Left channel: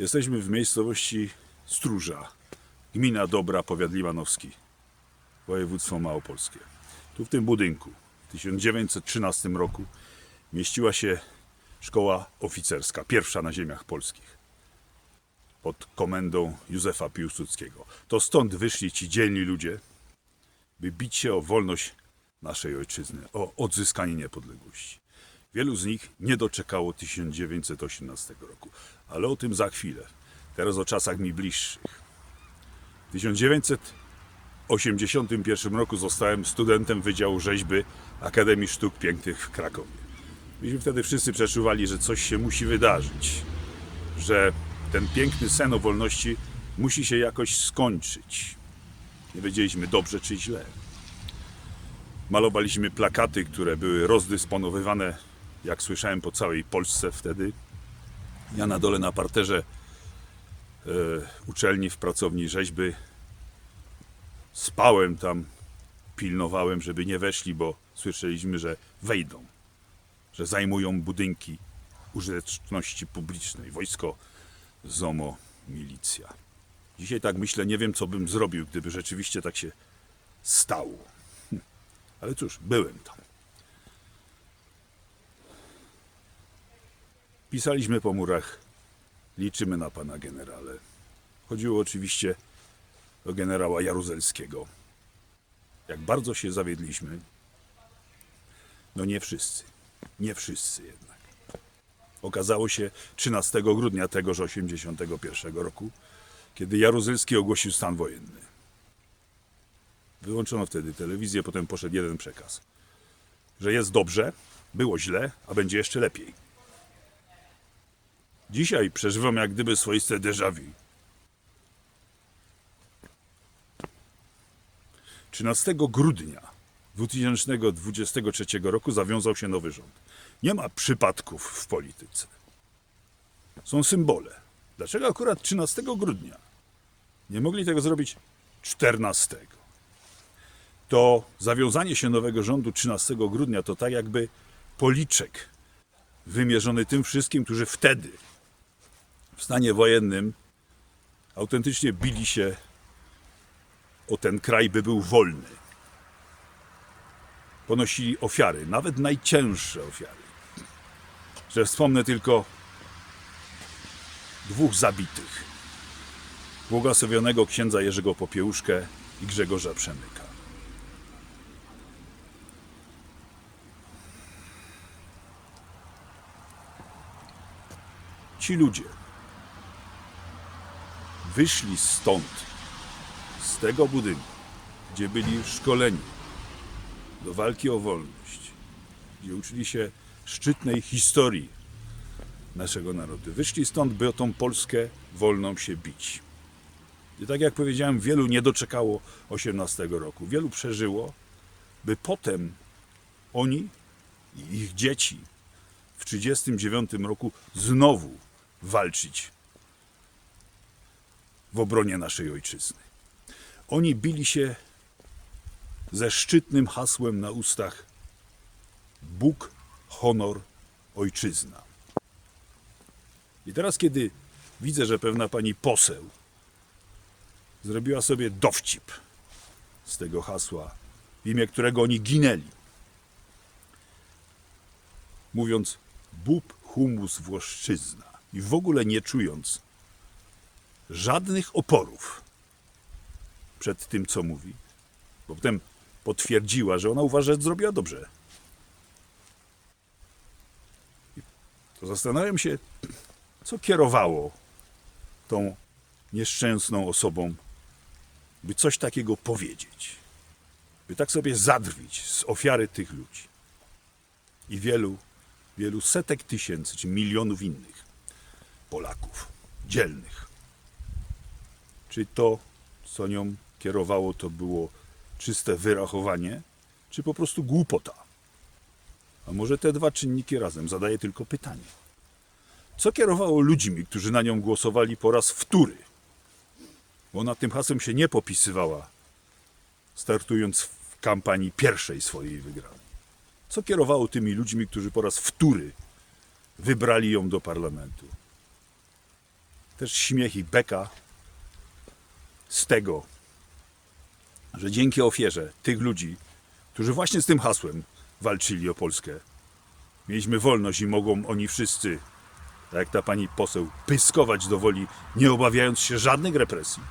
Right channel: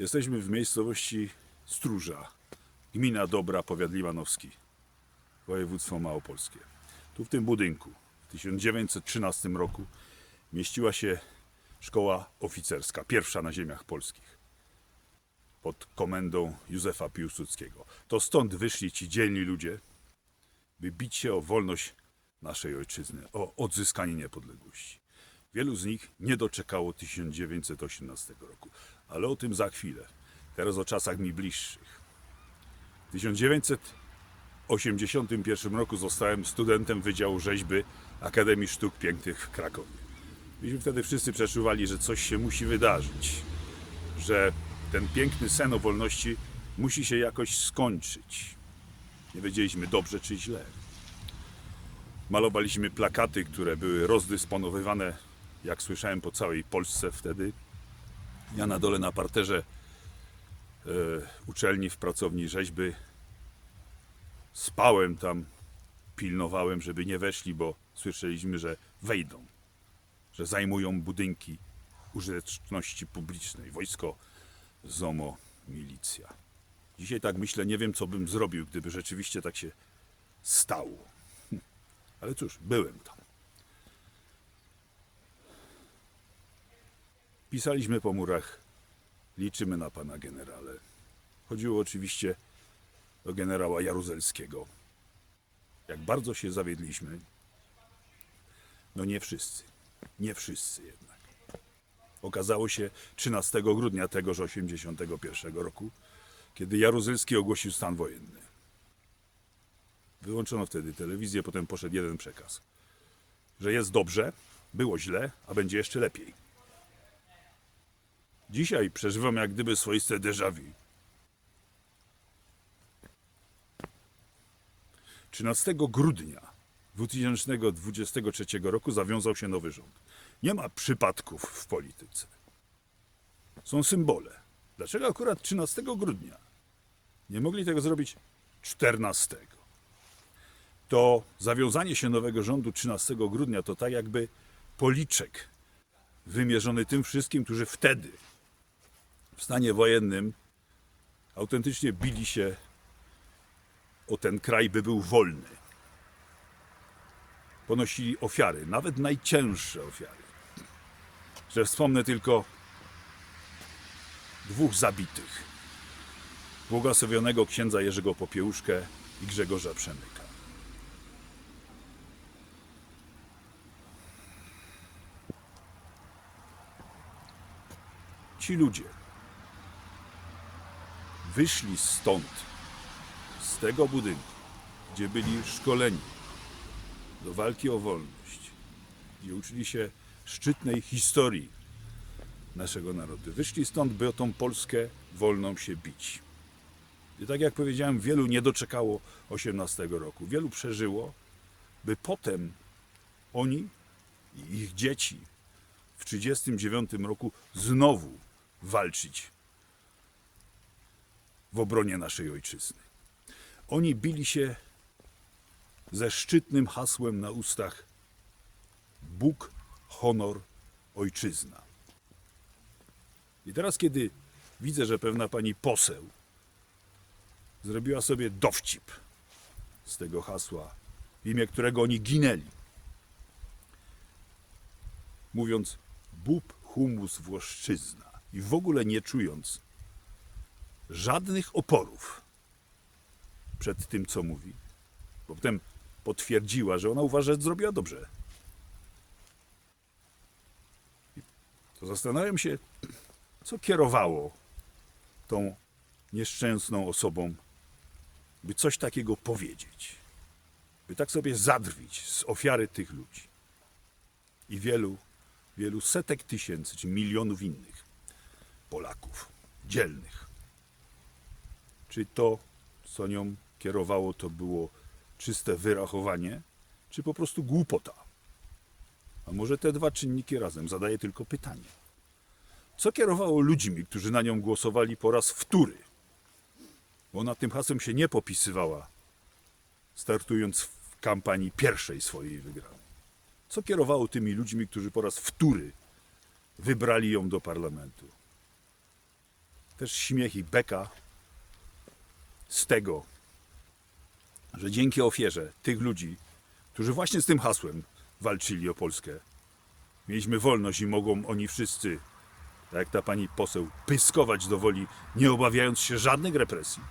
Jesteśmy w miejscowości Stróża, gmina Dobra, powiat limanowski, województwo małopolskie. Tu w tym budynku w 1913 roku mieściła się szkoła oficerska, pierwsza na ziemiach polskich, pod komendą Józefa Piłsudskiego. To stąd wyszli ci dzielni ludzie, by bić się o wolność naszej ojczyzny, o odzyskanie niepodległości. Wielu z nich nie doczekało 1918 roku, ale o tym za chwilę. Teraz o czasach mi bliższych. W 1981 roku zostałem studentem Wydziału Rzeźby Akademii Sztuk Pięknych w Krakowie. Myśmy wtedy wszyscy przeczuwali, że coś się musi wydarzyć, że ten piękny sen o wolności musi się jakoś skończyć. Nie wiedzieliśmy dobrze czy źle. Malowaliśmy plakaty, które były rozdysponowywane, jak słyszałem, po całej Polsce wtedy. Ja na dole na parterze e, uczelni w pracowni rzeźby spałem tam, pilnowałem, żeby nie weszli, bo słyszeliśmy, że wejdą, że zajmują budynki użyteczności publicznej, wojsko, ZOMO, milicja. Dzisiaj tak myślę, nie wiem, co bym zrobił, gdyby rzeczywiście tak się stało. Hm. Ale cóż, byłem tam. Pisaliśmy po murach, liczymy na pana generale. Chodziło oczywiście o generała Jaruzelskiego. Jak bardzo się zawiedliśmy, no nie wszyscy, nie wszyscy jednak. Okazało się 13 grudnia tegoż 81 roku, kiedy Jaruzelski ogłosił stan wojenny. Wyłączono wtedy telewizję, potem poszedł jeden przekaz. Że jest dobrze, było źle, a będzie jeszcze lepiej. Dzisiaj przeżywam jak gdyby swoiste déjà vu. 13 grudnia 2023 roku zawiązał się nowy rząd. Nie ma przypadków w polityce. Są symbole. Dlaczego akurat 13 grudnia? Nie mogli tego zrobić 14. To zawiązanie się nowego rządu 13 grudnia to tak jakby policzek wymierzony tym wszystkim, którzy wtedy w stanie wojennym autentycznie bili się o ten kraj, by był wolny. Ponosili ofiary, nawet najcięższe ofiary. Że wspomnę tylko dwóch zabitych. Błogosławionego księdza Jerzego Popiełuszkę i Grzegorza Przemyka. Ci ludzie wyszli stąd, z tego budynku, gdzie byli szkoleni do walki o wolność, gdzie uczyli się szczytnej historii naszego narodu. Wyszli stąd, by o tą Polskę wolną się bić. I tak jak powiedziałem, wielu nie doczekało 18 roku. Wielu przeżyło, by potem oni i ich dzieci w 1939 roku znowu walczyć w obronie naszej ojczyzny. Oni bili się ze szczytnym hasłem na ustach Bóg, honor, ojczyzna. I teraz, kiedy widzę, że pewna pani poseł zrobiła sobie dowcip z tego hasła, w imię którego oni ginęli, mówiąc bób, humus, włoszczyzna i w ogóle nie czując żadnych oporów przed tym, co mówi, bo potem potwierdziła, że ona uważa, że zrobiła dobrze. To zastanawiam się, co kierowało tą nieszczęsną osobą, by coś takiego powiedzieć, by tak sobie zadrwić z ofiary tych ludzi i wielu, wielu setek tysięcy czy milionów innych Polaków, dzielnych. Czy to, co nią kierowało, to było czyste wyrachowanie, czy po prostu głupota? A może te dwa czynniki razem? Zadaję tylko pytanie. Co kierowało ludźmi, którzy na nią głosowali po raz wtóry? Bo na tym hasłem się nie popisywała, startując w kampanii pierwszej swojej wygranej. Co kierowało tymi ludźmi, którzy po raz wtóry wybrali ją do parlamentu? też śmiech i beka z tego, że dzięki ofierze tych ludzi, którzy właśnie z tym hasłem walczyli o Polskę, mieliśmy wolność i mogą oni wszyscy, tak jak ta pani poseł, pyskować do woli, nie obawiając się żadnych represji.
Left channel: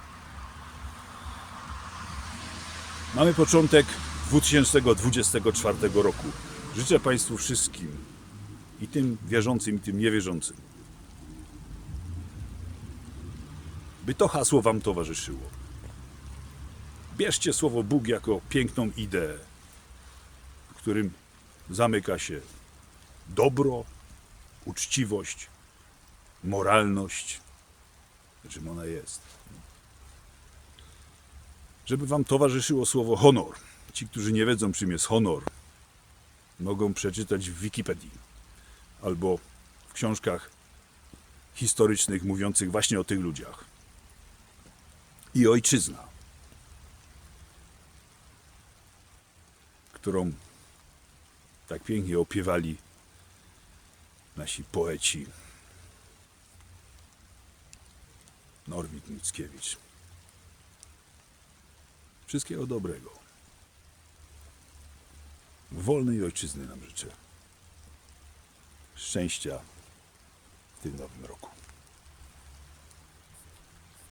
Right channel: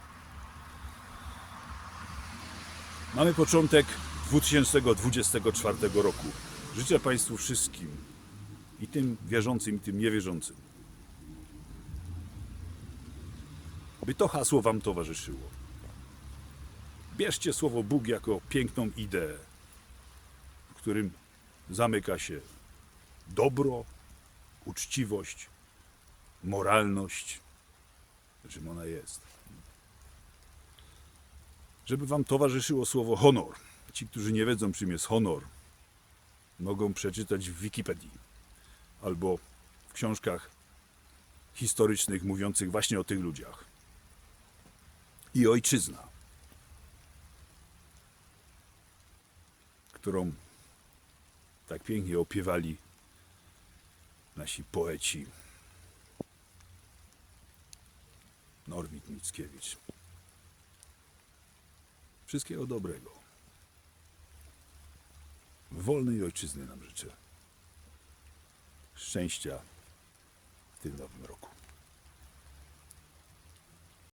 Mamy początek 2024 roku. Życzę Państwu wszystkim, i tym wierzącym, i tym niewierzącym, by to hasło Wam towarzyszyło. Bierzcie słowo Bóg jako piękną ideę, w którym zamyka się dobro, uczciwość, moralność, czym ona jest. Żeby Wam towarzyszyło słowo honor. Ci, którzy nie wiedzą, czym jest honor, mogą przeczytać w Wikipedii albo w książkach historycznych mówiących właśnie o tych ludziach. I ojczyzna, którą tak pięknie opiewali nasi poeci Norwid Mickiewicz. Wszystkiego dobrego. Wolnej ojczyzny nam życzę. Szczęścia w tym nowym roku.